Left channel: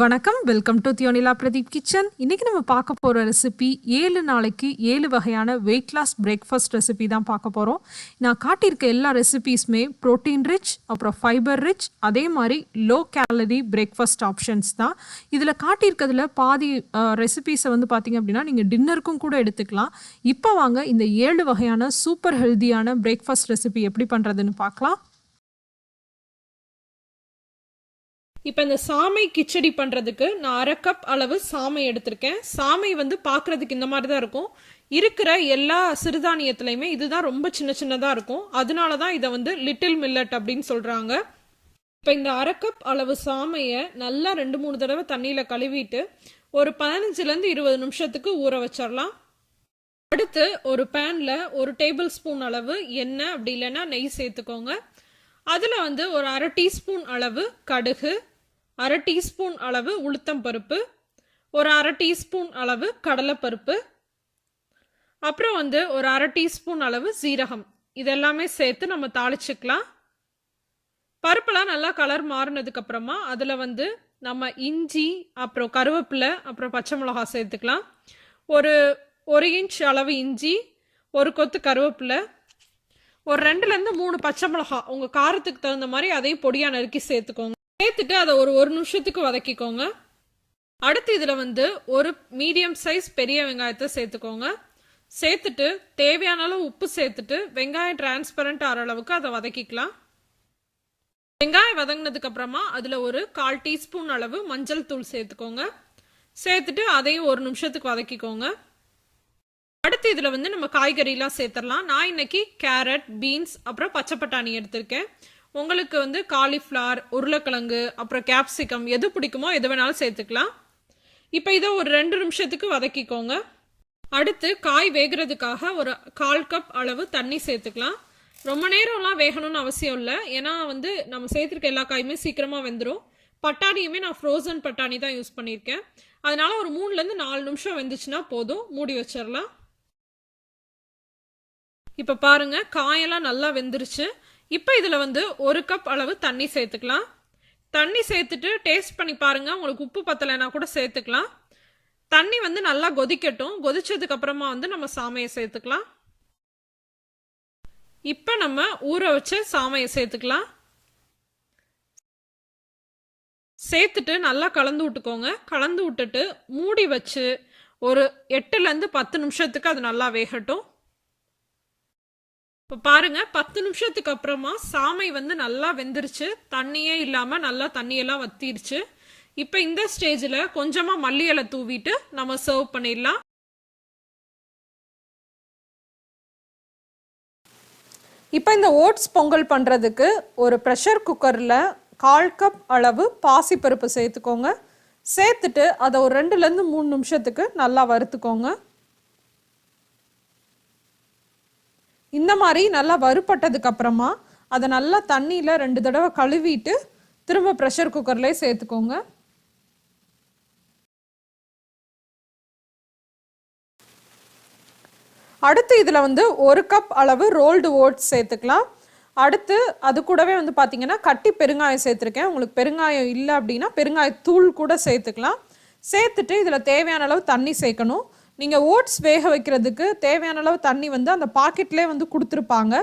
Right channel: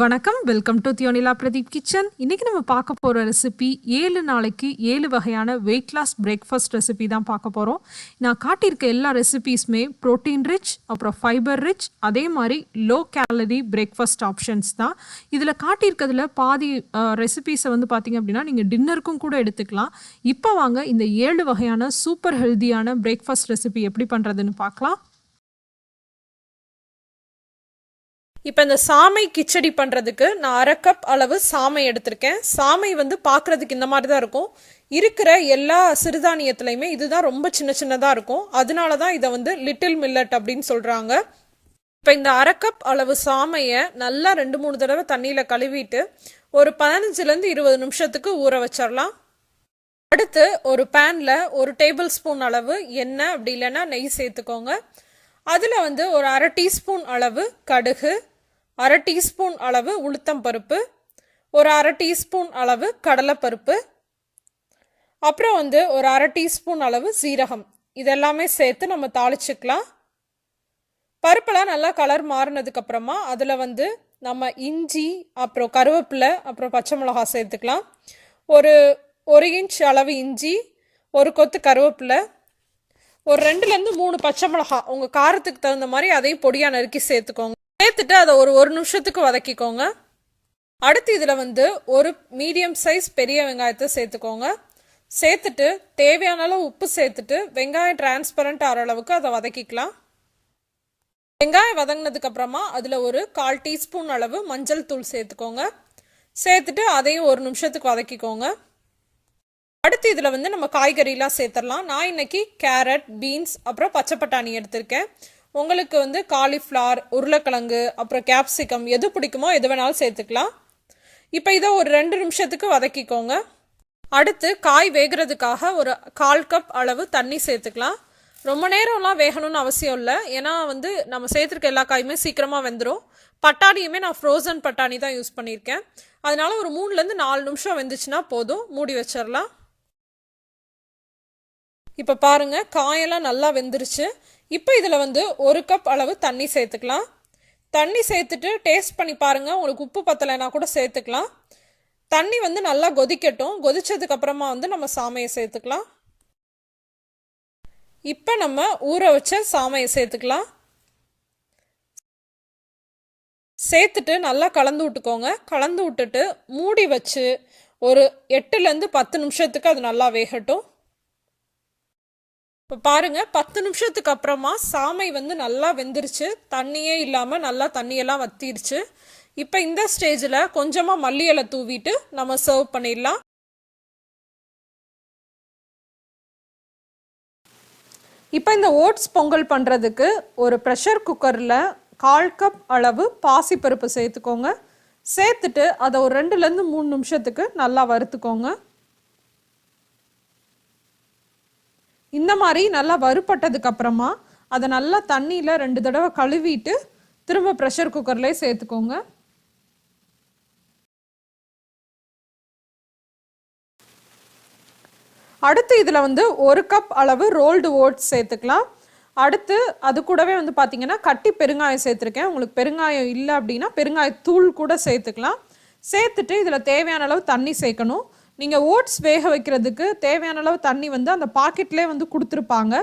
வணக்கம், welcome to thiyonilapradeep kitchen. இன்னைக்கு நம்ம பார்க்க போகிற ரெசிபி 7 நாளைக்கு 7 வகையான வெயிட் லாஸ் பிரேக்ஃபாஸ்ட் ரெசிபி தான் பார்க்க போகிறோம். நான் காட்டியிருக்க எல்லா ரெசிபீஸுமே ப்ரோட்டீன் ரிச், அப்புறம் ஃபைபர் ரிச், அதே மாதிரி லோ கேலரி பிரேக்ஃபாஸ்ட் ஆப்ஷன்ஸ் தான். இதில் காட்டியிருக்கிறதுல பாதி ரெசிபீஸை வந்து பார்த்திங்க அப்படின்னா நீங்கள் டின்னருக்கும் கூட எடுத்துக்கலாம். இப்போ வாங்க இந்த 7 வகையான சூப்பர் ஹெல்த்தியான பிரேக்ஃபாஸ்ட் ரெசிபி எப்படி பண்ணுறதுன்னு பார்க்கலாம். இப்போ இந்த சாமை கிச்சடி பண்ணுறதுக்கு நான் 1/2 கப் அளவு சாமை எடுத்திருக்கேன். சாமை வந்து பார்க்குறதுக்கு இந்த மாதிரி தான் இருக்கும். இருக்கிற எல்லா சிறுதானியத்துலையுமே இதுதான் ரொம்ப சின்ன சின்னதாக இருக்கும். அதனால தான் இதை வந்து லிட்டில் மில்லட் அப்படின்னு சொல்கிறாங்க. இப்போ இந்த 1/2 கப் அளவு சாமையை நல்லா 2-3 தடவை தண்ணியில் கழுவிட்டு ஒரு 15-20 நிமிஷத்துக்கு ஊற வச்சிடலாம். அடுத்து ஒரு பேனில் 1 டேபிள் ஸ்பூன் அளவு எண்ணெய் அப்படி இல்லைன்னா நெய் சேர்த்துக்கோங்க. அதில் வந்து ஒரு 1/2 டீஸ்பூன் அளவு கடுகு, 1/2 டீஸ்பூன் அளவு உளுத்தம் பருப்பு, ஒரு 1/2 டீஸ்பூன் அளவு கடலைப்பருப்பு, அப்புறம் வந்து ஒரு 1/2 டீஸ்பூன் அளவு சீரகம், இதெல்லாமே சேர்த்து நம்ம தாளிச்சுக்கலாம். பருப்பெல்லாம் நல்லா கலர் மாறினதுக்கு அப்புறமா அதில் வந்து நம்ம இஞ்சி, அப்புறம் கருவேப்பிலை, அப்புறம் பச்சை மிளகா சேர்த்துக்கலாம். ஒரு இன்ச் அளவு இஞ்சி, ஒரு கொத்து கருவேப்பிலை, ஒரு 2-3 பச்சை மிளகா உங்கள் காரத்துக்கு தகுந்த மாதிரி அதையும் பொடியாக நறுக்கி சேர்த்துக்கோங்க. சேர்த்துட்டு அதை ஒரு நிமிஷத்துக்கு வதக்கிக்கோங்க. அடுத்து இதில் வந்து ஒரு மீடியம் சைஸ் பெரிய வெங்காயத்தை சேர்த்துக்கோங்க. சேர்த்துட்டு தேவையான அளவு உப்பு சேர்த்துட்டு வெங்காயம் டிரான்ஸ்பரண்ட் ஆகிற அளவுக்கு அதை வதக்கிக்கலாம். வெங்காயம் வதங்கினதுக்கு அப்புறமா அதில் ஒரு 1/4 டீஸ்பூன் அளவு மஞ்சள் தூள் சேர்த்துக்கோங்க. சேர்த்துட்டு அதையும் ஒரு நிமிஷத்துக்கு வதக்கிக்கோங்க. அடுத்து இதில் வந்து நம்ம காய்கறிலாம் சேர்த்துடலாம். நான் இன்னைக்கு கேரட், பீன்ஸ், அப்புறம் பச்சை பட்டாணி எடுத்திருக்கேன். உங்களுக்கு வந்து காலிஃப்ளவர், உருளைக்கிழங்கு, அப்புறம் கேப்சிகம் எது பிடிக்குமோ எது வேணாலும் சேர்த்துக்கலாம். இப்போ இதை ஒரு 2 நிமிஷத்துக்கு வதக்கிக்கோங்க. அடுத்து காய் வேகிறதுக்காக ஒரு 1/4 கப் அளவு தண்ணி சேர்த்துக்கலாம். ரொம்ப நேரம்லாம் வேகணும்னு அவசியம் இல்லை, ஏன்னா வந்து நம்ம சேர்த்துருக்க எல்லா காயுமே சீக்கிரமாக வெந்துடும். பட்டாணியுமே நான் ஃப்ரோசன் பட்டாணி தான் யூஸ் பண்ணியிருக்கேன். அதனால ஒரு 3-4 நிமிஷம் வெந்துச்சுன்னா போதும், மூடி வச்சிடலாம். இப்போ பாருங்க, காயெல்லாம் நல்லா வெந்துருச்சு. இப்போ இதில் வந்து 1 கப் அளவு தண்ணி சேர்த்துக்கலாம். தண்ணி சேர்த்துட்டு டேஸ்ட் பண்ணி பாருங்க, உங்களுக்கு உப்பு பத்தலைன்னா கூட சேர்த்துக்கலாம். தண்ணி வந்து நல்லா கொதிக்கட்டும். கொதிச்சதுக்கு அப்புறமா வந்து நம்ம சாமையை சேர்த்துக்கலாம். இப்போ நம்ம ஊற வச்ச சாமையை சேர்த்துக்கலாம். சேர்த்துட்டு நல்லா கலந்து விட்டுக்கோங்க. கலந்து விட்டுட்டு மூடி வச்சு ஒரு 8-10 நிமிஷத்துக்கு அது நல்லா வேகட்டும். இப்போ பாருங்க, 10 நிமிஷத்துக்கு அப்புறமா சாமை வந்து நல்லா வெந்துருச்சு. தண்ணியே இல்லாமல் நல்லா தண்ணியெல்லாம் வத்திருச்சு. இப்போ இந்த ஸ்டேஜில் கொஞ்சமாக மல்லி இலை தூவிட்டு நம்ம சர்வ் பண்ணிடலாம். இப்போ இந்த ஓட்ஸ் பொங்கல் பண்ணுறதுக்கு ஒரு ப்ரெஷர் குக்கரில் 1/4 கப் அளவு பாசிப்பருப்பு சேர்த்துக்கோங்க. சேர்த்துட்டு அதை ஒரு 2-3 நிமிஷத்துக்கு நல்லா வறுத்துக்கோங்க. இந்த மாதிரி நல்லா வறுப்பட்டதுக்கு அப்புறமா அதை நல்லா தண்ணியில் 2 தடவை கழுவிட்டு திரும்ப ப்ரெஷர் குக்கர்லேயே சேர்த்துக்கோங்க. அடுத்து இதில் வந்து 1 கப் அளவு ரோல்டு ஓட்ஸ் சேர்த்துக்கலாம். அடுத்து அது கூடவே வந்து பார்த்தீங்கன்னா கட்டி பெருங்காயம் சேர்த்துருக்கேன். உங்களுக்கு பெருங்காயம் இல்லை அப்படின்னா பெருங்காயத்தூள் கூட சேர்த்துக்கலாம். சேர்த்துட்டு இதில் தேவையான அளவு தண்ணி சேர்க்கணும். நீங்கள் ஓட்ஸ் வேக வைக்கிறதுக்கு தேவையான அளவு தண்ணி வந்து அந்த பாக்கெட்லேயே வந்து கொடுத்துருப்பாங்க.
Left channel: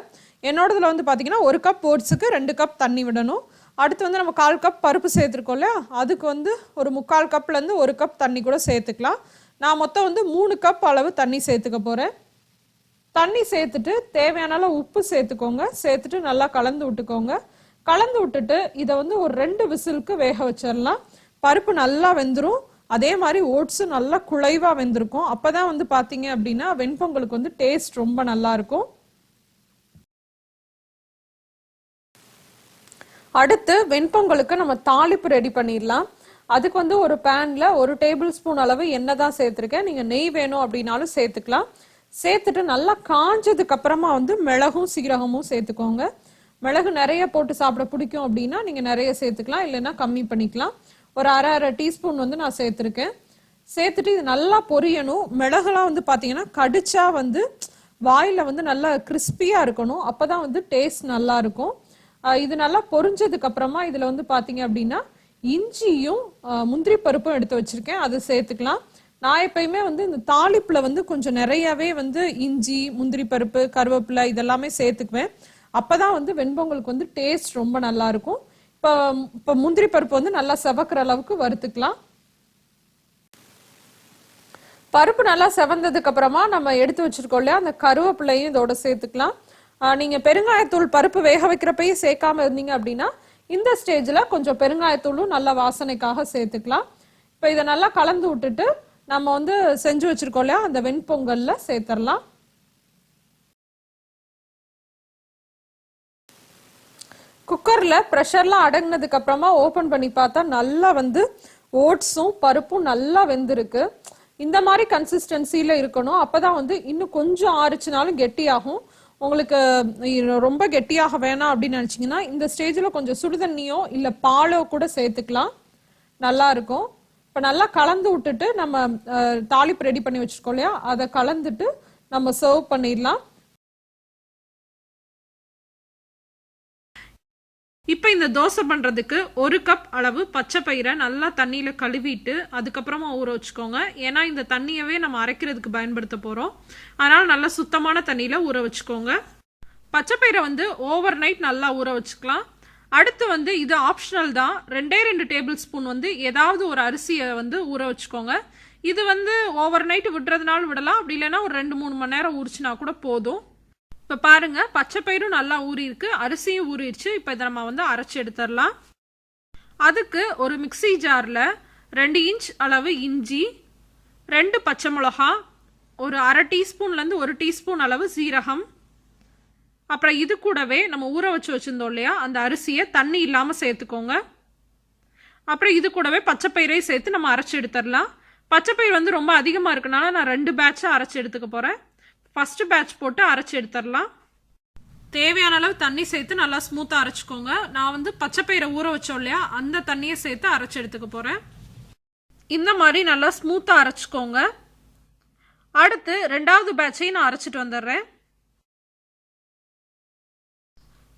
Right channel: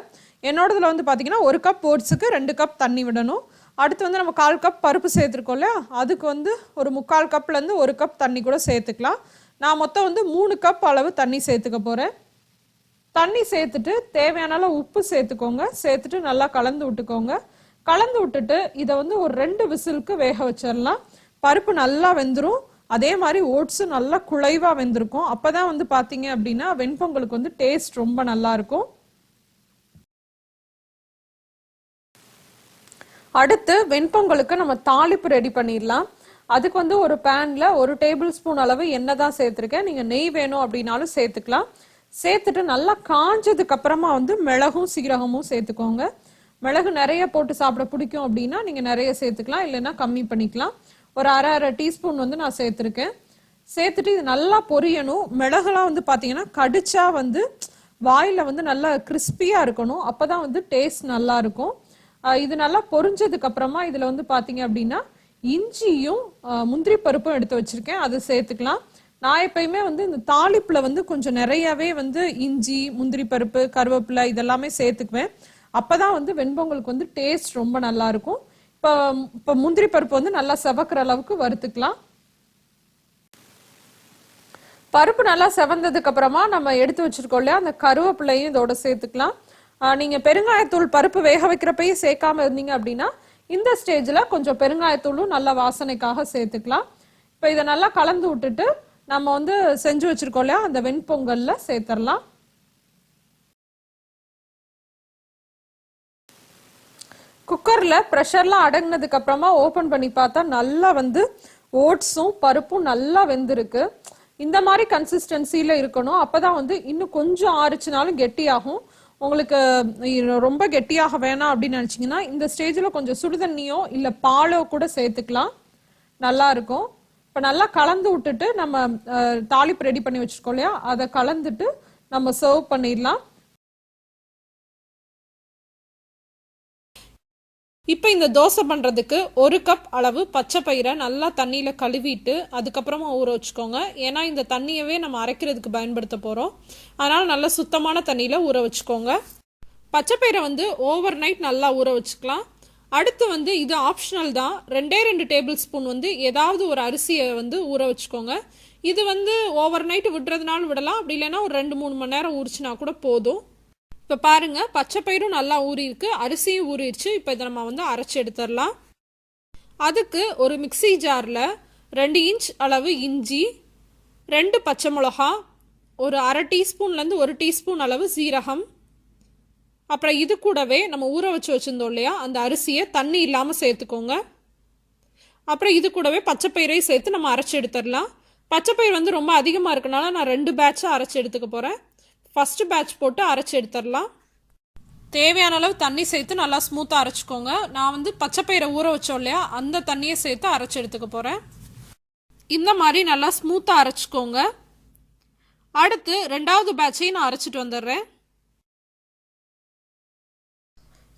என்னோடதில் வந்து பார்த்தீங்கன்னா 1 கப் ஓட்ஸுக்கு 2 கப் தண்ணி விடணும். அடுத்து வந்து நம்ம 1/4 கப் பருப்பு சேர்த்துருக்கோம் இல்லையா, அதுக்கு வந்து ஒரு 3/4 கப்லேருந்து 1 கப் தண்ணி கூட சேர்த்துக்கலாம். நான் மொத்தம் வந்து 3 கப் அளவு தண்ணி சேர்த்துக்க போகிறேன். தண்ணி சேர்த்துட்டு தேவையான அளவு உப்பு சேர்த்துக்கோங்க. சேர்த்துட்டு நல்லா கலந்து விட்டுக்கோங்க. கலந்து விட்டுட்டு இதை வந்து ஒரு 2 விசிலுக்கு வேக வச்சிடலாம். பருப்பு நல்லா வெந்துடும். அதே மாதிரி ஓட்ஸும் நல்லா குழைவாக வெந்திருக்கும். அப்போ தான் வந்து பார்த்தீங்க அப்படின்னா வெண்பொங்கலுக்கு வந்து டேஸ்ட் ரொம்ப நல்லா இருக்கும். அடுத்து வெண்பொங்கலுக்கு நம்ம தாளிப்பு ரெடி பண்ணிடலாம். அதுக்கு வந்து ஒரு பேனில் 1 டேபிள் ஸ்பூன் அளவு எண்ணெய் தான் சேர்த்துருக்கேன். நீங்கள் நெய் வேணும் அப்படின்னாலும் சேர்த்துக்கலாம். சேர்த்துட்டு நல்லா காஞ்சதுக்கு அப்புறமா வந்து மிளகும் சீரகமும் சேர்த்துக்கோங்க. மிளகு நிறைய போட்டு சாப்பிட பிடிக்கும் அப்படின்னா நீங்கள் நிறைய சேர்த்துக்கலாம், இல்லைன்னா கம்மி பண்ணிக்கலாம். ஒரு 1/2 டீஸ்பூன் வந்து நான் சேர்த்துருக்கேன். சேர்த்துட்டு இது நல்லா பொரியணும். மிளகுலாம் வந்து பார்த்தீங்கன்னா கடிச்சா வந்து வாயில் வந்து நல்லா கிறிஸ்பியாக இருக்கணும். அப்போ தான் வந்து டேஸ்ட் நல்லா இருக்கும். இது நல்லா பொரிஞ்சதுக்கு அப்புறமா இதில் வந்து பார்த்தீங்க அப்படின்னா இஞ்சியும் முந்திரி பருப்பும் எடுத்து வச்சிருக்கேன், அதை சேர்த்துக்கலாம். நான் எப்பயுமே வந்து இந்த தாளிப்புல வந்து கொஞ்சம் நிறையவே வந்து இஞ்சி, முந்திரி பருப்பு, கருவேப்பிலை இதெல்லாமே சேர்த்துக்குவேன். அப்பதான் வந்து வெண்பொங்கலுக்கு வந்து டேஸ்ட் ரொம்ப நல்லா இருக்கும். இப்போ முந்திரி பருப்பு வந்து நல்லா செவக்கிற அளவுக்கு வறுத்துக்கலாம். பருப்பு நல்லா செவந்ததுக்கு அப்புறமா நம்ம எடுத்து வச்சிருக்கோம் இல்லையா, அந்த கருவேப்பிலையும் இதோட சேர்த்துக்கலாம். நீங்க பெருங்காயத்தூள் பருப்பு வேக வைக்கிறப்பயே சேர்க்காம இருந்தீங்க அப்படின்னா இந்த ஸ்டேஜ்ல கொஞ்சம் பெருங்காயத்தூளும் நல்ல வாசனைக்காக சேர்த்துக்கலாம். இப்போ இதை நல்லா கலந்து விட்டுட்டு நம்ம வந்து செஞ்சு வச்சிருக்கோம் இல்லையா அந்த வெண்பொங்கல்ல சேர்த்துடலாம். குக்கர்ல ப்ரெஷர்லாம் அடங்கினதுக்கு அப்புறமா ஓபன் பண்ணி பார்த்தா நல்லா வந்து ஓட்ஸும் பருப்பும் நல்லா வெந்திருக்கு. இந்த மாதிரி கன்சிஸ்டன்சில இருக்கணும். அப்பதான் வந்து இன்னும் கொஞ்சம் ஆறுச்சுனாலும் கெட்டியாகும். உங்களுக்கு ரொம்ப கெட்டியாக வேணாம் அப்படின்னு நினைச்சீங்கன்னா இந்த ஸ்டேஜ்ல கொஞ்சம் சுடுதண்ணியோ இல்ல பாலோ கூட சேர்த்துக்கலாம், நல்லா இருக்கும். இப்ப நல்லா கலந்து விட்டுட்டு நம்ம தாளிப்பு ரெடி பண்ணி வச்சிருக்கோம் இல்லையா, அதை கலந்துட்டு நம்ம சர்வ் பண்ணிடலாம். இப்போ இந்த தோசை பண்ணுறதுக்கு 1 கப் அளவு பச்சை பயிரை நல்லா தண்ணியில் கழுவிட்டு அதுக்கப்புறமா ஊற வச்சுக்கோங்க. ஏன்னா இந்த தண்ணியவே நம்ம அரைக்கிறதுக்கு பயன்படுத்த போகிறோம். அதனால் நல்லா சுத்தமான தண்ணியில் ஊற வச்சுக்கோங்க. பச்சை பயிரை வந்து ஓவர் நைட் நல்லா ஊற வச்சுக்கலாம். அடுத்து வந்து இது ஆப்ஷனல் தான், 2 டேபிள் ஸ்பூன் வந்து ஏதாவது ஒரு அரிசியை வந்து ஊற வச்சுக்கோங்க. இது வந்து ஓவர் நைட் விடுறதுனாலும் விடலாம், அப்படி இல்லைன்னா ஒரு 2-3 மணி நேரம் ஊறிச்சுனா கூட போதும். இப்போ பாருங்க பச்சை பயிரும் நல்லா ஊறி இருக்கு, அரிசியும் ஊறிடுச்சு. இப்போ இதை நம்ம வந்து அரைச்சி எடுத்துடலாம். அதுக்கு ஒரு மிக்சி ஜாரில் 2 இன்ச் அளவு இஞ்சி, 2 பச்சை மிளகா, ஒரு அரை டீஸ்பூன்லேருந்து 1 டீஸ்பூன் அளவு சீரகம், அப்புறம் இது கூடவே நம்ம ஊற வச்சிருந்தோம் இல்லையா அந்த அரிசியை தண்ணி இல்லாமல் சேர்த்துக்கோங்க. அப்புறம் இது கூடவே பச்சை பயிரையும் சேர்த்து நம்ம அரைச்சி எடுத்துடலாம். பச்சை பயிர் வந்து ரொம்ப அதிகமாக இருக்கனால நான் 2 பேட்சாக அரைச்சி எடுத்துக்க போகிறேன். ஃபர்ஸ்ட் பேட்ச் போட்டு அரைச்சி எடுத்துடலாம். தேவையான அளவு தண்ணி சேர்த்து நல்லா ஸ்மூத்தாக அரைச்சிக்கோங்க. நான் வந்து பச்சை பயிரை ஊற வச்சோம் இல்லையா அந்த தண்ணியை சேர்த்து அரைச்சி எடுத்துக்க போகிறேன். இந்த மாதிரி நல்லா ஸ்மூத்தாக அரைச்சிக்கோங்க. அடுத்து 2வது பேட்சையும் நான் அரைச்சிட்டு வந்துடுறேன்.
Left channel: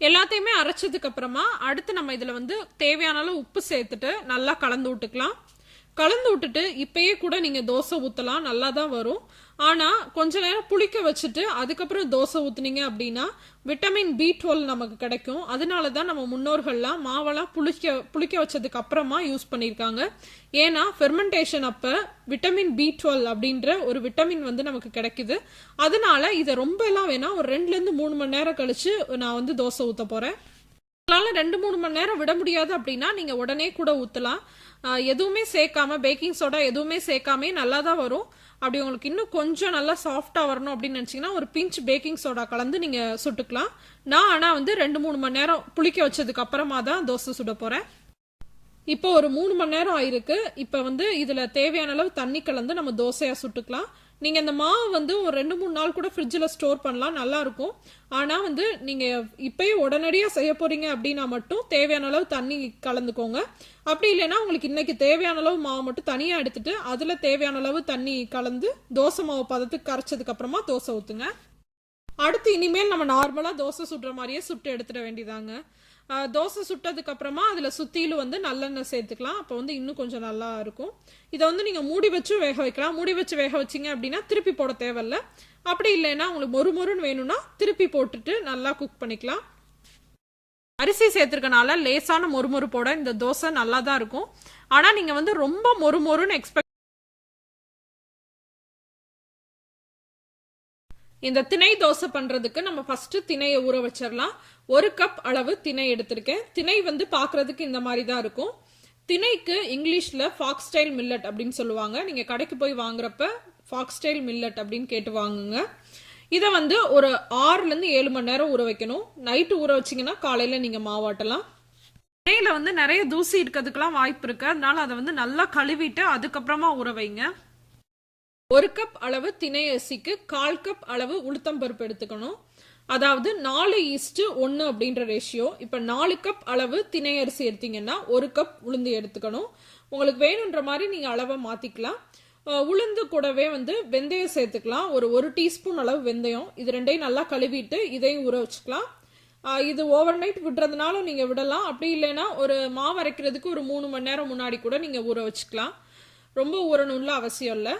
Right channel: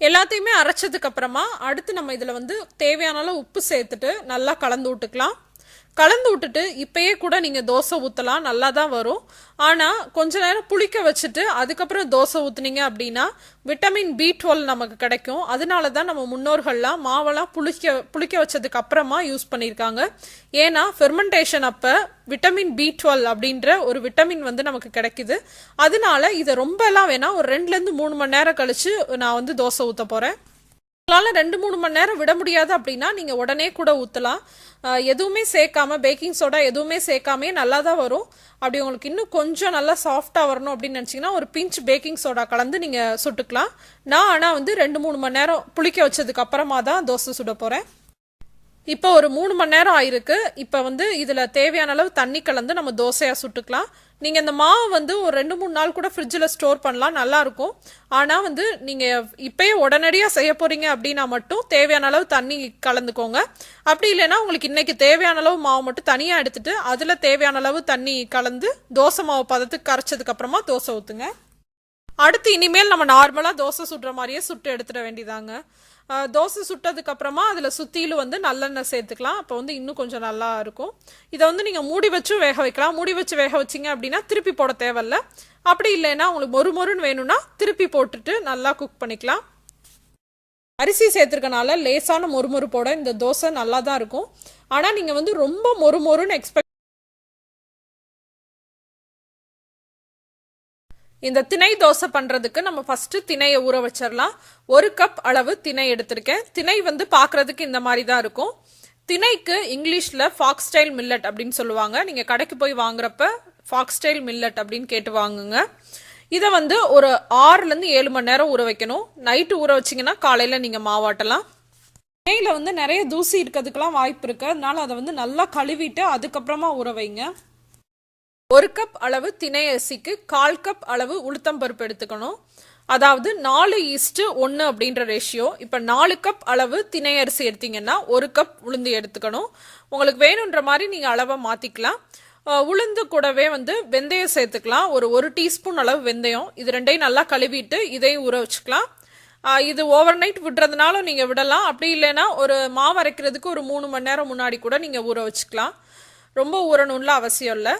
எல்லாத்தையுமே அரைச்சதுக்கு அப்புறமா அடுத்து நம்ம இதில் வந்து தேவையான அளவு உப்பு சேர்த்துட்டு நல்லா கலந்து விட்டுக்கலாம். கலந்து விட்டுட்டு இப்பயே கூட நீங்கள் தோசை ஊற்றலாம், நல்லா தான் வரும். ஆனால் கொஞ்ச நேரம் புளிக்க வச்சுட்டு அதுக்கப்புறம் தோசை ஊற்றுனீங்க அப்படின்னா விட்டமின் B12 நமக்கு கிடைக்கும். அதனால தான் நம்ம முன்னோர்கள்லாம் மாவெல்லாம் புளிக்க வச்சதுக்கு அப்புறமா யூஸ் பண்ணியிருக்காங்க. ஏன்னா ஃபெர்மெண்டேஷன் அப்போ விட்டமின் B12 அப்படின்ற ஒரு விட்டமின் வந்து நமக்கு கிடைக்குது. அதனால இதை ரொம்ப எல்லாம் வேணாம், ஒரு 2-3 மணி நேரம் கழிச்சு நான் வந்து தோசை ஊற்ற போகிறேன். உங்களால் 2-3 மணி நேரம் விட முடியாது அப்படின்னா நீங்கள் உடனே கூட ஊற்றலாம். எதுவுமே சேர்க்காம பேக்கிங் சோடா எதுவுமே சேர்க்காமே நல்லா தான் வரும். அப்படி உங்களுக்கு இன்னும் கொஞ்சம் நல்லா சாஃப்டாக வரணும் அப்படின்னு நினச்சிங்கன்னா ஒரு பிஞ்ச் பேக்கிங் சோடா கலந்து நீங்கள் சுட்டுக்கலாம். நான் ஆனால் வந்து 2-3 மணி நேரம் புளிக்க வச்சதுக்கு அப்புறமா தான் தோசை சுட போகிறேன். இப்போ ஒரு 3 மணி நேரம் ஆயிருக்கு. இப்போ வந்து இதில் தேவையான அளவு தண்ணி கலந்து நம்ம தோசையாக சுட்டுக்கலாம். நீங்கள் இந்த மாவு வந்து ஒரு 2-3 நாள் கூட ஃப்ரிட்ஜில் ஸ்டோர் பண்ணலாம், நல்லாயிருக்கும். ஆனால் வந்து நீங்கள் இப்போயே உடனடியாக செய்ய போகிறீங்க அப்படின்னா மட்டும் தேவையான அளவு தண்ணி கலந்துக்கோங்க. அப்படி இல்லைன்னா உங்களுக்கு இன்றைக்கி தேவையான அளவு மாவு மட்டும் தனியாக எடுத்துட்டு அதில் தேவையான அளவு தண்ணி கலந்து தோசை மாவு பதத்துக்கு கரைச்சதுக்கப்புறமா தோசை ஊற்றுங்க. அடுத்து இனிமேல் நம்ம நார்மலாக தோசை சுடுற மாதிரியே சுட்டு எடுத்துட வேண்டியதாங்க. தோசை சுட்டதுக்கு அப்புறமா அதில் சுற்றிலும் வந்து நல்லெண்ணெய் சேர்த்துக்கலாம். அப்போ வந்து இன்னும் கொஞ்சம் நல்லா இருக்கும். இதை வந்து நீங்கள் மூடி வச்சும் வேக வைக்கலாம். மூடி வச்சு வேக வச்சிங்க அப்படின்னா திருப்பி போட தேவையில்ல. அப்படி இல்லைன்னா உங்களுக்கு மொறுமொறுன்னு வேணும்னா திருப்பி போட்டுட்டு நல்லா குக் பண்ணிக்கலாம். அரிசி சேர்த்துருக்கனால லேசான மொறுமொறுப்போட இந்த தோசை நல்லா தான் இருக்கும். ஆனால் நீங்கள் வந்து ரொம்ப மொறுமொறுன்னு எக்ஸ்பெக்ட் இந்த திணை தோசை பண்ணுறதுக்கு நம்ம ஃபஸ்ட்டு திணையை ஊற வச்சிடலாம். 1 கப் அளவு திணை எடுத்திருக்கேன். திணை வந்து பார்க்குறதுக்கு இந்த மாதிரி தான் இருக்கும். திணைக்கு இங்கிலீஷில் ஃபாக்ஸ்டைல் மில்லட் அப்படின்னு சொல்லுவாங்க. நீங்கள் கடைக்கு போய் வாங்குறப்ப ஃபாக்ஸ்டைல் மில்லட் அப்படின்னு கேட்டு வாங்குங்க. இதை வந்து ஒரு 6-7 மணி நேரம் ஊற வைக்கணும். நைட்டு ஊற வச்சிங்கன்னா காலையில் நீங்கள் மாவாட்டலாம். திணையில் வந்து நிறைய தூசி இருக்கிறதுக்கெலாம் வாய்ப்பு இருக்குது. அதனால அதை வந்து நல்லா கழுவிட்டு அதுக்கப்புறமா ஊற வைங்க. 1 கப் அளவு திணை அரிசிக்கு 1/4 கப் அளவு உளுத்தம்பருப்பு எடுத்துக்கணும். அதாவது 4:1 அப்படின்ற ரேஷியோ. இப்போ 4 கப் அளவு திணை அரிசி எடுத்தீங்கன்னா 1 கப் உளுந்து எடுத்துக்கணும். உங்களுக்கு வேணுன்ற மாதிரி நீங்கள் அளவை மாற்றிக்கலாம். உளுந்து கூடவே வந்து வெந்தயம் சேர்த்துக்கலாம். ஒரு 1 டீஸ்பூன் அளவு வெந்தயம். இது ரெண்டையும் நல்லா கழுவிட்டு இதையும் ஊற வச்சுக்கலாம். இது ஓவர் நைட் விடுறதுனாலும் நீங்கள் விடலாம். அப்படி இல்லைன்னா ஒரு மாவு அரைக்கிறதுக்கு ஒரு 3 மணி நேரம் முன்னாடி கூட நீங்கள் ஊற வச்சுக்கலாம். ரொம்ப ஊறணும்ல அவசியம் இல்லை.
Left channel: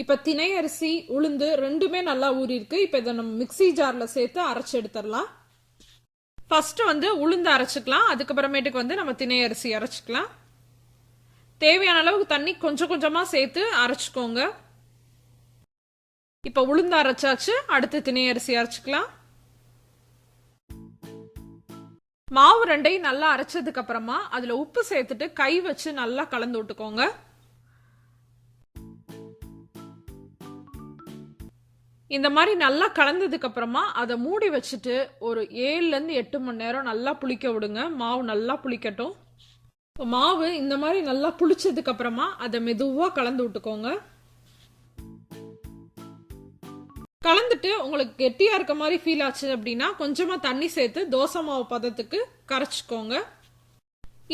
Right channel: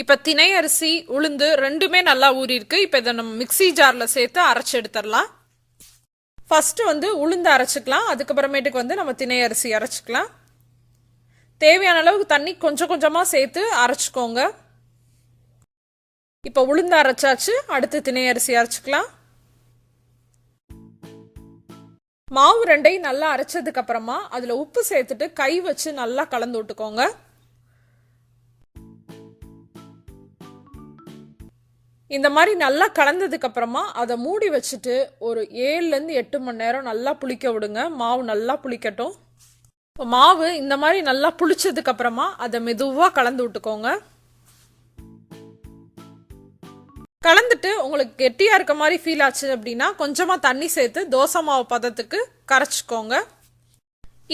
இப்போ திணை அரிசி உளுந்து ரெண்டுமே நல்லா ஊறிருக்கு. இப்போ இதை நம்ம மிக்சி ஜாரில் சேர்த்து அரைச்சி எடுத்துடலாம். ஃபஸ்ட்டு வந்து உளுந்து அரைச்சிக்கலாம். அதுக்கப்புறமேட்டுக்கு வந்து நம்ம திணை அரிசி அரைச்சிக்கலாம். தேவையான அளவுக்கு தண்ணி கொஞ்சம் கொஞ்சமாக சேர்த்து அரைச்சிக்கோங்க. இப்போ உளுந்து அரைச்சாச்சு. அடுத்து திணை அரிசி அரைச்சிக்கலாம். மாவு ரெண்டையும் நல்லா அரைச்சதுக்கு அப்புறமா அதுல உப்பு சேர்த்துட்டு கை வச்சு நல்லா கலந்து விட்டுக்கோங்க. இந்த மாதிரி நல்லா கலந்ததுக்கு அப்புறமா அதை மூடி வச்சுட்டு ஒரு 7-8 மணி நேரம் நல்லா புளிக்க விடுங்க. மாவு நல்லா புளிக்கட்டும். மாவு இந்த மாதிரி நல்லா புளிச்சதுக்கு அப்புறமா அதை மெதுவாக கலந்து விட்டுக்கோங்க. கலந்துட்டு உங்களுக்கு கெட்டியா இருக்க மாதிரி ஃபீல் ஆச்சு அப்படின்னா கொஞ்சமா தண்ணி சேர்த்து தோசை மாவு பதத்துக்கு கரைச்சிக்கோங்க.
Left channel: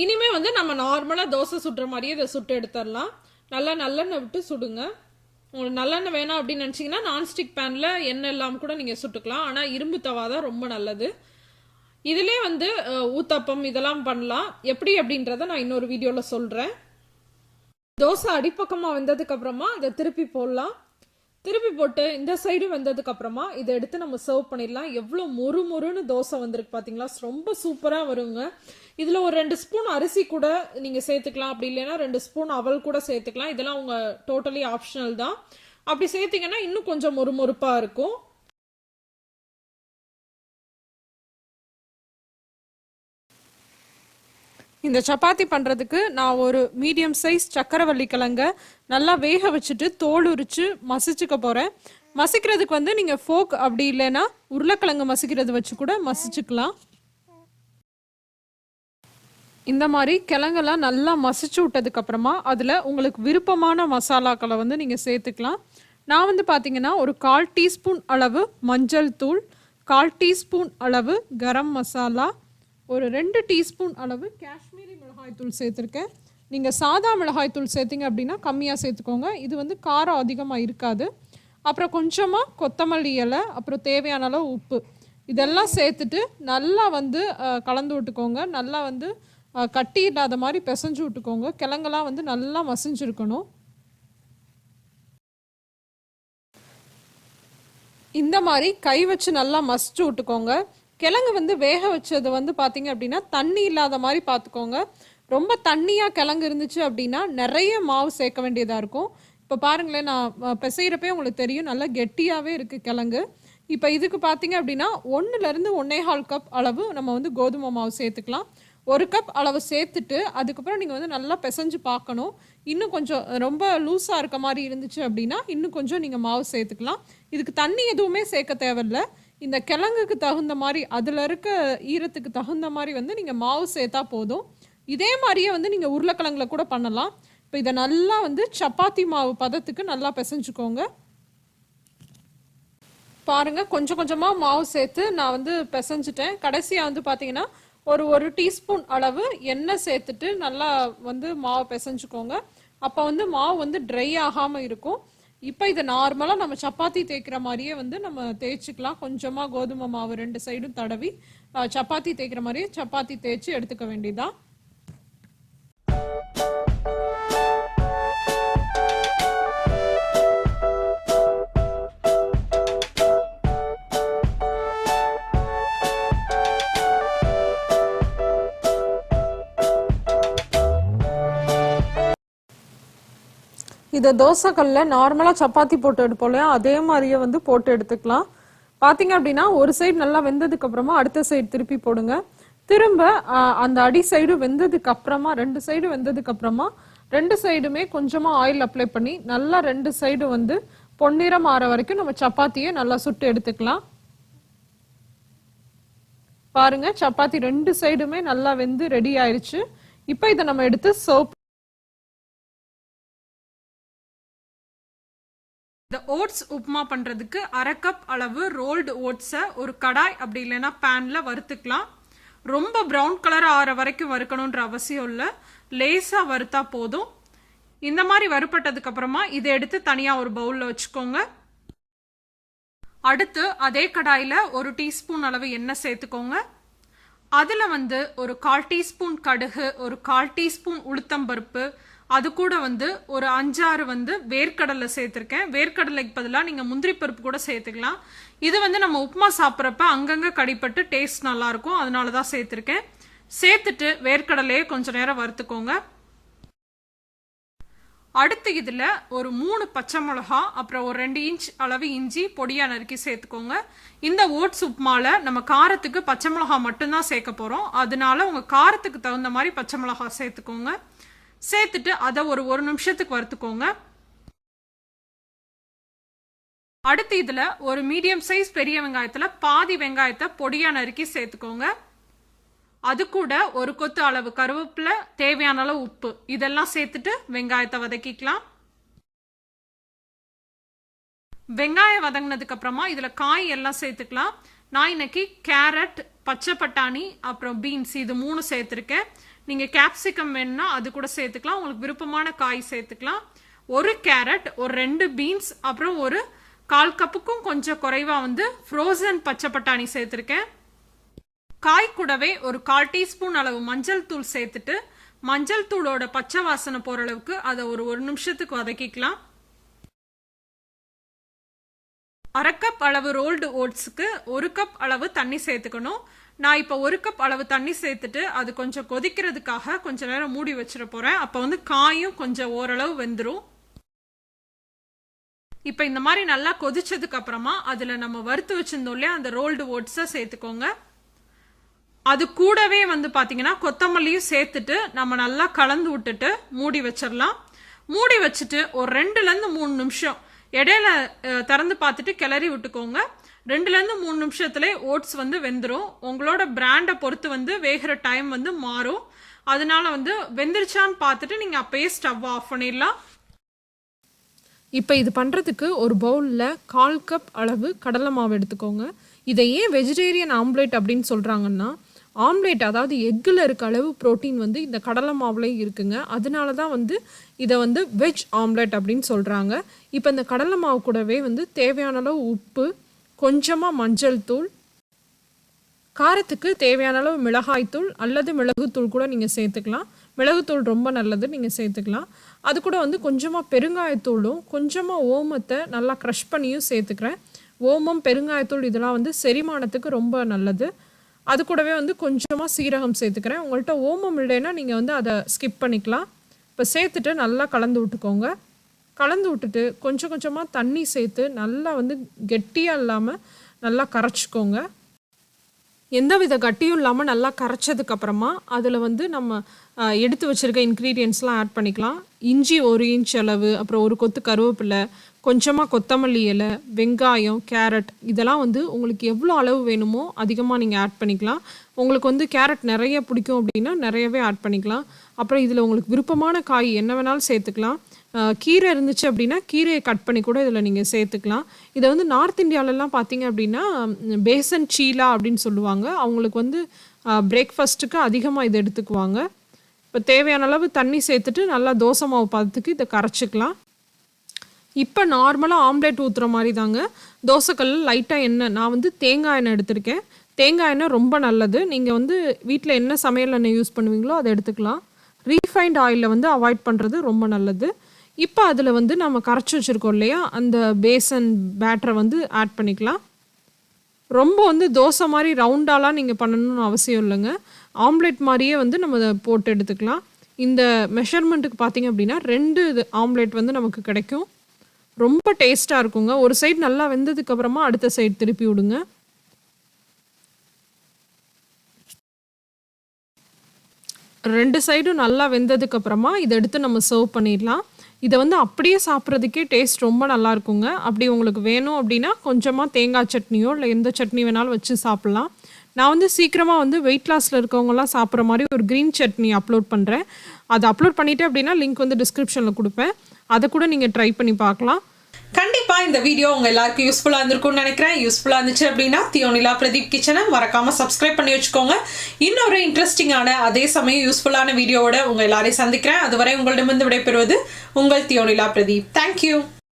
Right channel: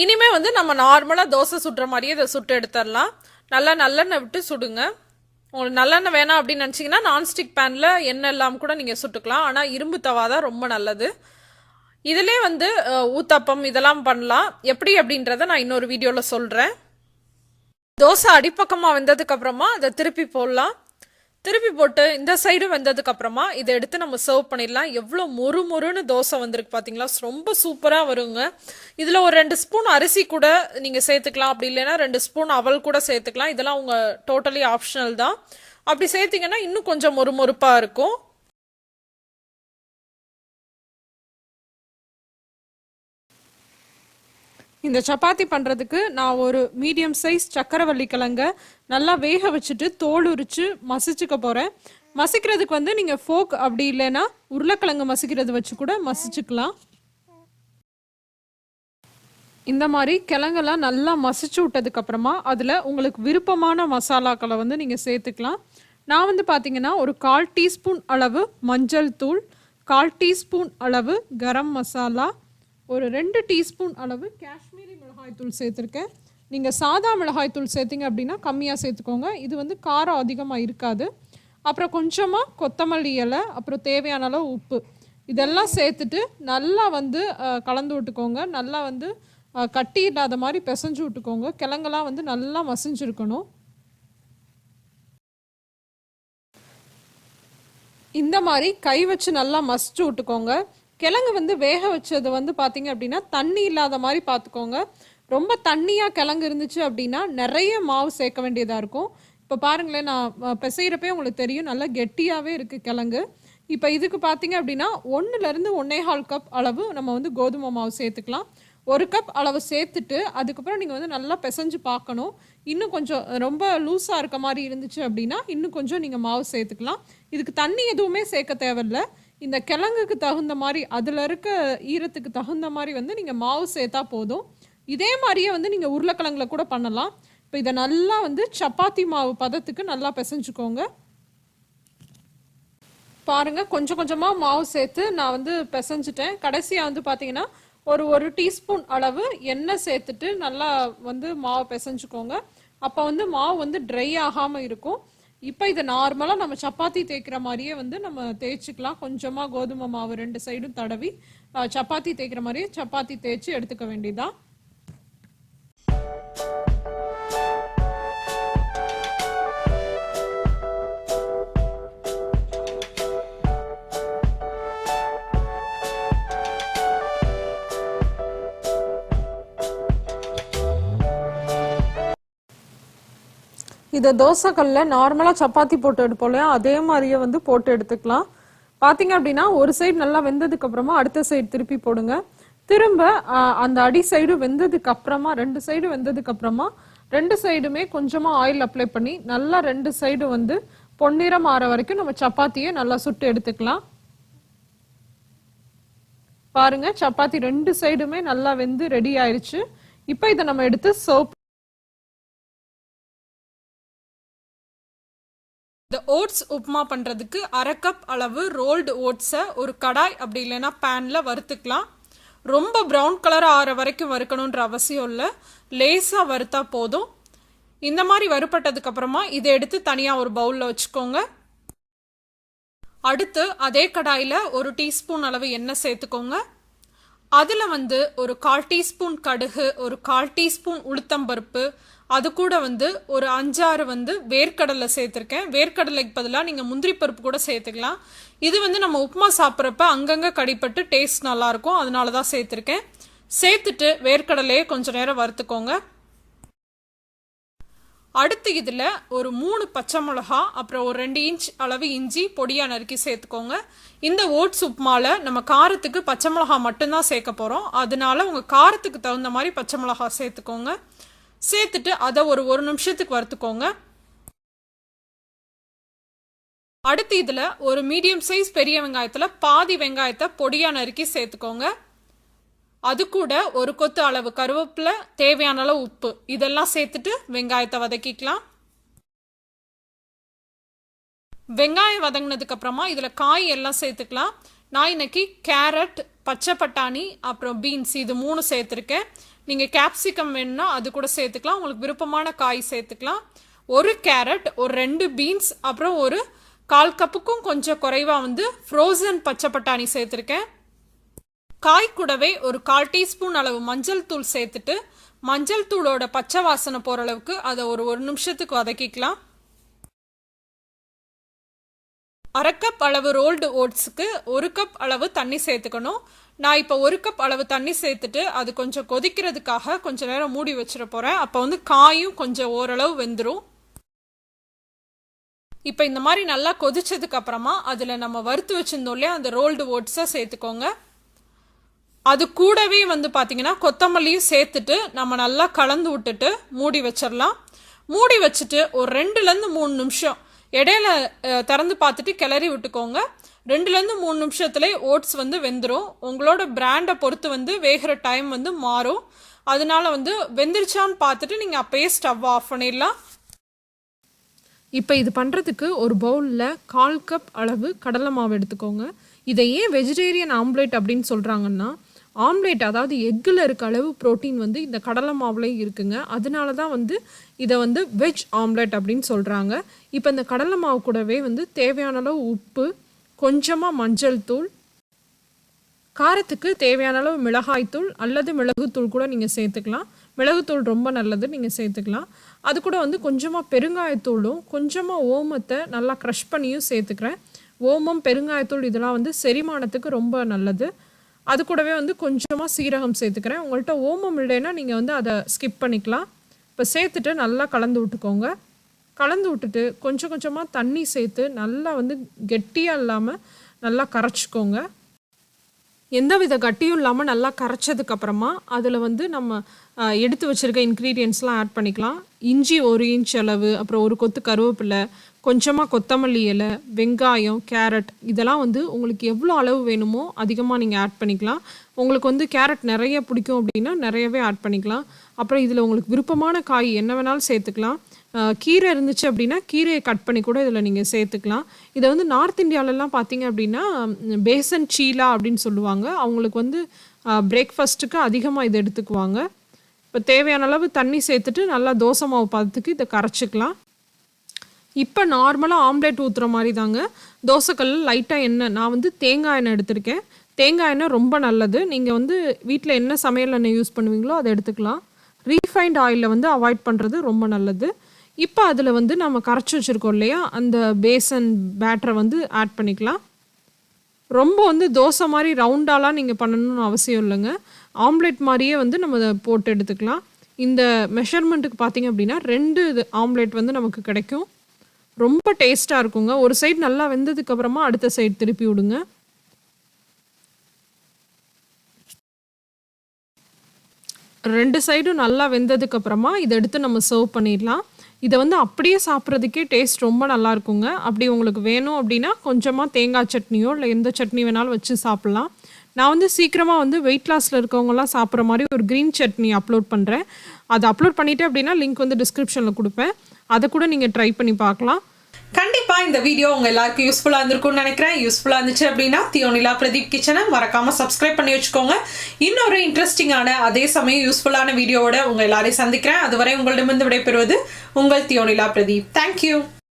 இனிமே வந்து நம்ம நார்மலா தோசை சுடுற மாதிரியே இதை சுட்டு எடுத்துடலாம். நல்லா நல்லெண்ணெய் விட்டு சுடுங்க. உங்களுக்கு நல்லெண்ணெய் வேணாம் அப்படின்னு நினச்சிங்கன்னா நான்ஸ்டிக் பேனில் எண்ணெய் இல்லாமல் கூட நீங்கள் சுட்டுக்கலாம். ஆனால் இரும்பு தவா தான் ரொம்ப நல்லது. இதிலே வந்து ஊத்தப்பம் இதெல்லாம் பண்ணலாம். எப்படி அப்படின்றத நான் இன்னொரு வீடியோவில் சொல்கிறேன். தோசை அடிப்பக்கமாக வெந்ததுக்கு அப்புறமா அதை திருப்பி போடலாம். திருப்பி போட்டு இந்த சைடு வெந்ததுக்கு அப்புறமா இதை எடுத்து நம்ம சர்வ் பண்ணிடலாம். எவ்வளோ மொறு மொறுன்னு தோசை வந்திருக்கு பார்த்தீங்களா? ரொம்ப சூப்பராக வருங்க. இதில் ஒரு 2 ஸ்பூன் அரிசி கூட நீங்கள் சேர்த்துக்கலாம். அப்படி இல்லைன்னா 2 ஸ்பூன் அவல் கூட சேர்த்துக்கலாம். இதெல்லாம் உங்கள் டோட்டலி ஆப்ஷனல் தான். அப்படி சேர்த்திங்கன்னா இன்னும் கொஞ்சம் மொறு மொறுப்பாக இருக்கும். இந்த சப்பாத்தி பண்ணுறதுக்கு நான் ஒரு மீடியம் சைஸ் சக்கரவள்ளி கிழங்க நல்லா வேக வச்சுட்டு தோல் உரித்து மசிச்சுக்க போகிறேன். மசிக்கிறதுக்கு வந்து நீங்கள் ஃபோக் அப்படி இல்லைன்னா உருளைக்கிழங்கு மசிக்கிறது வச்சு கூட மசிச்சுக்கலாம். இந்த மாதிரி கிழங்கெல்லாம் நல்லா மசிச்சு விட்டதுக்கப்புறமா அதில் உங்களுக்கு விருப்பமான மசாலாக்களை வந்து நீங்கள் சேர்த்துக்கலாம். நான் வந்து பார்த்தீங்கன்னா ஒரு 1/4 டீஸ்பூன் அளவு மஞ்சள் தூள், 1/4 டீஸ்பூன் அளவு கரம் மசாலா, ஒரு 2 டீஸ்பூன் அளவு காஷ்மீரி மிளகாய்த்தூள் சேர்த்துருக்கேன். நீங்கள் சாதா மிளகாய்த்தூள் சேர்த்திங்க அப்படின்னா கம்மியாக சேர்த்துக்கோங்க. இது வந்து காரம் அதிகமாக இருக்காது. அப்புறம் கொஞ்சமாக கொத்தமல்லி இலை, அப்புறம் தேவையான அளவு உப்பு, இதெல்லாம் சேர்த்துட்டு நல்லா வந்து கலந்து விட்டுக்கோங்க. நல்லா வந்து கட்டி இல்லாத மாதிரி பிசைஞ்சு விட்டுக்கோங்க. கிழங்கெல்லாம் வந்து நல்லா மசிஞ்சிருக்கணும். இந்த மாதிரி கை வச்சு நல்லா மசிச்சு விட்டுக்கோங்க. கிழங்கு வந்து வேக வச்சது வந்து பார்த்தீங்க அப்படின்னா தண்ணி இல்லாத மாதிரி பார்த்துக்கோங்க. ரொம்ப தண்ணியாக கிழங்கு இருந்துச்சு அப்படின்னா நிறைய மாவு சேர்க்க வேண்டியதாக இருக்கும். இப்போ பாருங்களேன், நான் பிசைகிறப்பே உங்களுக்கு தெரியும் நல்லா கெட்டியாகவே இருக்குது கிழங்கு. இப்போ இதுக்கு பார்த்தீங்க அப்படின்னா 1-1 1/4 கப் அளவு நம்ம வந்து கோதுமை மாவு சேர்த்துக்கலாம். 1 கப் அளவு சேர்த்துட்டு அதுக்கப்புறம் நீங்கள் வந்து நல்லா பிசைஞ்சு பார்க்கணும். இன்னும் கொஞ்சம் ரொம்ப லூஸாக இருக்க மாதிரி இருந்துச்சு அப்படின்னா இன்னும் கொஞ்சம் நீங்கள் மாவு சேர்த்துக்கலாம். இதுக்கு தண்ணி எதுவுமே சேர்க்க தேவையில்லை. இந்த கிழங்குக்கு தகுந்த மாதிரி அதில் இருக்க ஈரத்துக்கு தகுந்த மாதிரி வந்து நீங்கள் மாவு சேர்த்தா போதும். இதே மாதிரியே வந்து நீங்கள் உருளைக்கிழங்குல கூட பண்ணலாம். இப்போ இதை நல்லா வந்து சப்பாத்தி மாவு பதத்துக்கு நல்லா பிசைஞ்சுக்கோங்க. பாருங்கள், கொஞ்சம் கொஞ்சமாக மாவு சேர்த்து நான் வந்து பிசைஞ்சிட்டேன். கடைசியாக வந்து பார்த்தீங்கன்னா ஒரு டீஸ்பூன் அளவு எண்ணெய் சேர்த்துட்டு நல்லா வந்து மாவு பிசைஞ்சுக்கோங்க. அப்போ வந்து மாவு வந்து ட்ரை ஆகாமல் இருக்கும். இப்போ இதை நார்மலாக நம்ம சப்பாத்தி தேய்க்கிற மாதிரியே வந்து நம்ம தேய்ச்சிக்கலாம். கொஞ்சமாக கோதுமை மாவு 2 சைடும் தடவி சப்பாத்தி தேய்க்கிற மாதிரியே சப்பாத்தி தேய்ச்சி எடுத்துக்க வேண்டியதான். இதை தோசைக்கல்லில் நார்மலாக சப்பாத்தி போட்டு எடுப்போம், அதே மாதிரியே வந்து போட்டு எடுத்துக்கலாம். பார்த்தீங்க அப்படின்னா ஒரு சைடு நல்லா வெந்ததுக்கு அப்புறமா அடுத்த சைடு திருப்பி போடுங்க. திரும்ப அந்த அடி சைடு வெந்ததுக்கு அப்புறமா 2 சைடு வெந்ததுக்கு அப்புறமா 2 சைடுமே கொஞ்சமாக ஆயில் அப்ளை பண்ணி நல்லா 2 சைடு வந்து பொன்னிறம் ஆற வரைக்கும் நம்ம சப்பாத்தியை நல்லா சுட்டு எடுத்துக்கலாம். பாருங்க, சப்பாத்தி 2 சைடுமே நல்லா வெந்து ரெடி ஆயிடுச்சு. இப்போ இதை நம்ம எடுத்து சர்வ். இந்த ஓட்ஸ் உப்புமா பண்ணுறதுக்கு 1/2 கப் அளவு ரோல்டு ஓட்ஸை ஒரு கடாய் அப்படி இல்லைன்னா பேனில் வறுத்துக்கலாம். ரொம்ப ப்ரௌன் கலர் ஆற வரைக்கும் வறுக்கணுன்ற அவசியம் இல்லை, லேசாக வறுத்தா போதும். இந்த மாதிரி வறுப்பட்டதுக்கப்புறமா இதை எடுத்து தனியாக ஒரு பவுலில் வச்சுக்கோங்க. அடுத்து அதே கடாயில் ஒரு டீஸ்பூன் அளவு எண்ணெய் சேர்த்துக்கோங்க. அதில் வந்து ஒரு 1/4 டீஸ்பூன் கடுகு, ஒரு 1/4 டீஸ்பூன் உளுத்தம்பருப்பு, அது கூட வந்து ஒரு 5-6 வந்து வேர்க்கடலை சேர்த்துருக்கேன். வேர்க்கடலைக்கு பதிலாக நீங்கள் முந்திரி பருப்பு கூட சேர்த்துக்கலாம். இது வந்து நம்ம உப்புமா சாப்பிட்றப்ப அங்கங்கே கடிப்பட்டு டேஸ்ட் நல்லாயிருக்கும், அதனால தான் சேர்த்துருக்கேன். சேர்த்துட்டு வேர்க்கடலையே கொஞ்சம் நேரம் வறுத்துக்கோங்க. அடுத்து இதில் ஒரு 3 பச்சை மிளகா, அப்புறம் ஒரு 2 இன்ச் அளவு இஞ்சி பொடியாக நறுக்கி சேர்த்துக்கோங்க. இந்த ஓட்ஸ் உப்புமாவில் நம்ம காரத்துக்கு பச்சை மிளகா மட்டும்தான் சேர்க்க போகிறோம், அதனால உங்கள் காரத்துக்கு தகுந்த மாதிரி பச்சை மிளகா சேர்த்துக்கோங்க. சேர்த்துட்டு அதை ஒரு நிமிஷத்துக்கு வறுத்துக்கோங்க. அடுத்து இதில் ஒரு மீடியம் சைஸ் பெரிய வெங்காயத்தில் பாதி வெங்காயத்தை பொடியாக நறுக்கி சேர்த்துக்கோங்க. அது கூட ஒரு கொத்து அளவு கருவேப்பிலை, தேவையான அளவு உப்பு, இதெல்லாம் சேர்த்துட்டு வெங்காயத்தை வதக்கிக்கலாம். வெங்காயம் வதங்கினதுக்கு அப்புறமா இதில் காய் எல்லாம் சேர்த்துக்கலாம். நான் இன்னைக்கு கேரட், பச்சை பட்டாணி, அப்புறம் பீன்ஸ் இது 3 சேர்த்துருக்கேன். நீங்கள் கேப்சிகம் வேணும்னா அது கூட சேர்த்துக்கலாம், உங்களுக்கு விருப்பமான காய் சேர்த்துக்கலாம். ஒரு கேரட், ஒரு 2 பீன்ஸ், அப்புறம் ஒரு 1/4 கப்புக்கும் கொஞ்சம் குறைவாக வந்து ஃப்ரோசன் பச்சை பட்டாணி சேர்த்துருக்கேன். காய் கூடவே ஒரு 1/4 டீஸ்பூன் அளவு மஞ்சள் தூள் சேர்த்துட்டு மஞ்சள் தூளோட பச்சை வாசனை போகிற அளவுக்கு அதை ஒரு நிமிஷத்துக்கு வதக்கிக்கலாம். 1/2 கப் அளவு ரோல்டு ஓட்ஸுக்கு 1 கப் அளவு தண்ணி சேர்த்துக்கணும். நான் இப்போ 1 கப் அளவு தண்ணி சேர்த்துட்டு அது கொஞ்சம் கொதிக்கிறதுக்காக கொஞ்சம் நேரம் மூடி வச்சிட போகிறேன். அப்போ வந்து காயும் கொஞ்சம் ஓரளவு வெந்துடும். இப்போ இந்த மாதிரி நல்லா கொதிச்சதுக்கு அப்புறமா அதில் நம்ம வறுத்து வச்சிருந்தோம் இல்லையா அந்த ரோல்டு ஓட்ஸை சேர்த்துக்கோங்க. அது கூடவே வந்து பார்த்தீங்கன்னா கொத்தமல்லியும் சேர்த்துட்டு நம்ம நல்லா கலந்து விட்டுட்டு மூடி வச்சிடலாம். மூடி வச்சுட்டு ஒரு 2லேருந்து 3 நிமிஷம் இடையில திறந்து பார்த்துட்டு கிளறி விட்டுக்கோங்க. 2லேருந்து 3 நிமிஷத்துல ஓட்ஸ் வந்து வெந்துடும். உங்களோட பிராண்டை பொறுத்து வந்து வேகிற டைம் வந்து மாறும், அதனால வந்து வெந்துருச்சான்னு பார்த்துட்டு நீங்கள் அப்பயே ஸ்டவ் ஆஃப் பண்ணிடலாம். இப்போ இது பண்ணுறதுக்கு ஒரு பவுலில் 1/4 கப் அளவு கடலை மாவு எடுத்துக்கோங்க. இதை ஏன் வெஜிடேரியன் ஆம்லேட் அப்படின்னு சொல்கிறாங்கன்னா, ஆம்லேட் அதாவது எக்கில் இருக்க அளவு ப்ரோட்டீன் வந்து இந்த கடலை மாவுலேயும் இருக்குங்க. அதனால தான் வந்து இதை வந்து வெஜ் ஆம்லேட் அப்படின்னு சொல்கிறாங்க. இப்போ இந்த கடலை மாவு கூடவே வந்து தேவையான அளவு உப்பு, கொஞ்சமாக மஞ்சள் தூள், காரத்துக்கு தேவையான அளவு மிளகாய்த்தூள் அல்லது மிளகுத்தூள் கூட நீங்கள் சேர்த்துக்கலாம். மிளகுத்தூள் ரொம்ப நல்லது, நீங்கள் சேர்த்துக்கலாம். அது கூட வந்து கொஞ்சமாக பெருங்காயத்தூளும் கொஞ்சமாக ஓமத்தை நல்லா க்ரஷ் பண்ணியும் சேர்த்துக்கிறேன். ஓமம், பெருங்காயத்தூள் இதெல்லாம் வந்து செரிமானத்துக்கு ரொம்ப நல்லது. அது கூடவே வந்து கொஞ்சமாக சீரகம் சேர்த்துக்கிறேன். உங்கள்கிட்ட ஓமம் இல்லைன்னா நீங்கள் வந்து அதை ஸ்கிப் பண்ணிக்கலாம். இப்போ சேர்த்துட்டு நல்லா கலந்து விட்டுக்கோங்க. கலந்து விட்டுட்டு கொஞ்சம் கொஞ்சமாக தண்ணி சேர்த்து நல்லா வந்து கெட்டியாக இல்லாமல் நல்லா கரைச்சிக்கோங்க. எந்தவித கட்டியும் இல்லாமல் நல்லா கரைச்சதுக்கப்புறமா அதில் வந்து நம்ம எடுத்து வச்சுருக்க இன்க்ரீடியன்ட்ஸ்லாம் ஆட் பண்ணிக்கலாம். இஞ்சி 1 இன்ச் அளவு, அப்புறம் ஒரு கொத்து கருவேப்பிலை, கொஞ்சமாக கொத்தமல்லி இலை, வெங்காயம், கேரட், இதெல்லாம் வந்து உங்களுக்கு எவ்வளோ அளவு வேணுமோ அதிகமாக நீங்கள் ஆட் பண்ணிக்கலாம். உங்களுக்கு வந்து கேரட் நிறைய பிடிக்கும் அப்படின்னா நிறையவே ஆட் பண்ணிக்கலாம். அப்புறம் இதில் உங்களுக்கு விருப்பமான காய் என்ன வேணாலும் சேர்த்துக்கலாம். கீரை இருந்துச்சு அப்படின்னா கீரையை கட் பண்ணி கூட இதில் நீங்கள் சேர்த்துக்கலாம். இதை வந்து நார்த் இந்தியாவிலலாம் பார்த்தீங்க அப்படின்னா பேசன் சீலா அப்படின்னு சொல்லுவாங்க. அவங்களுக்கு வந்து பிரேக்ஃபாஸ்ட்டுக்கு அதிகமாக இதை எடுத்துக்குவாங்க. இப்போ தேவையான அளவு தண்ணி சேர்த்துட்டு நல்லா தோசை மாவு பதத்துக்கு இதை கரைச்சிக்கலாம். இப்போ நார்மலாக ஆம்லேட் ஊற்றுற மாதிரி தாங்க. தோசைக்கல் லைட்டாக எண்ணெய், நான் வந்து தேங்காய் எண்ணெய் எடுத்திருக்கேன். தேங்காய் எண்ணெய் ரொம்ப நல்லது. நீங்கள் வந்து வீட்டில் என்ன சமையல் எண்ணெய் யூஸ் பண்ணுவீங்களோ அதை எடுத்துக்கலாம். ரீஃபைண்ட் ஆயிலில் வந்து அவாய்ட் பண்ணுறது ரொம்ப நல்லது. இப்போ அதில் வந்து நம்ம கரைச்சி வச்சுருக்கோம் இல்லையா அந்த பேசன் பேட்டரை வந்து ஆட் பண்ணிக்கலாம். ரொம்ப வந்து தோசை மாதிரி ரவுண்டாலாம் நீங்கள் பண்ணணும்னு அவசியம் இல்லைங்க. ஆம்லேட் மாதிரியே வந்து நம்ம அதை போட்டு எடுத்துக்கலாம். இந்த மெஷர்மெண்ட்டுக்கு பார்த்திங்க அப்படின்னா 2 ஆம்லேட் வந்து நமக்கு கிடைக்கும். ரொம்ப டேஸ்ட்டாக இருக்குங்க. ஒரு சைடு நல்லா வெந்ததுக்கப்புறமா அடுத்த சைடு திருப்பி விடுங்க. ரெண்டு சைடும் நல்லா வெந்ததுக்கப்புறமா இதை எடுத்து நம்ம சர்வ் பண்ணிடலாம். இதை வந்து அப்படியே சாப்பிட்றதுக்கே டேஸ்ட் ரொம்ப நல்லா இருக்குங்க. அப்படி உங்களுக்கு வேணும் அப்படின்னா கொஞ்சமாக தேங்காய் சட்னியோ இல்லை எந்த சட்னி வேணாலும் வச்சு சாப்பிட்லாம். நான் வந்து சீக்கிரமாக வந்து வெயிட் லாஸில் இருக்கவங்கலாம் சாப்பிட்ற மாதிரி ஒரு க்ரீன் சட்னி அப்லோட் பண்ணுறேன். அதை அப்லோட் பண்ணிவிட்டு அப்படின்னா லிங்க் வந்து டிஸ்கிரிப்ஷனில் கொடுப்பேன். அதை கூட நீங்கள் ட்ரை பண்ணி பார்க்கலாம். கண்டிப்பா இந்த வீடியோ உங்க எல்லாருக்கும் யூஸ்ஃபுல்லா இருந்திருக்கும்னு நினைக்கிறேன். யூஸ்ஃபுல்லா இருந்துச்சு அப்படின்னா தியோனிலா பிரதீப் கிச்சனை மறக்காம சப்ஸ்கிரைப் பண்ணி வச்சுக்கோங்க. இன்னொரு இன்ட்ரெஸ்டிங்கான அதே சமயம் யூஸ்ஃபுல்லான வீடியோவோட உங்க எல்லாரையும் சந்திக்கிறேன். அதுவரை உங்களிடமிருந்து விடைபெறுவது உங்கள் தியோனிலா பிரதீப். தேங்க்யூ.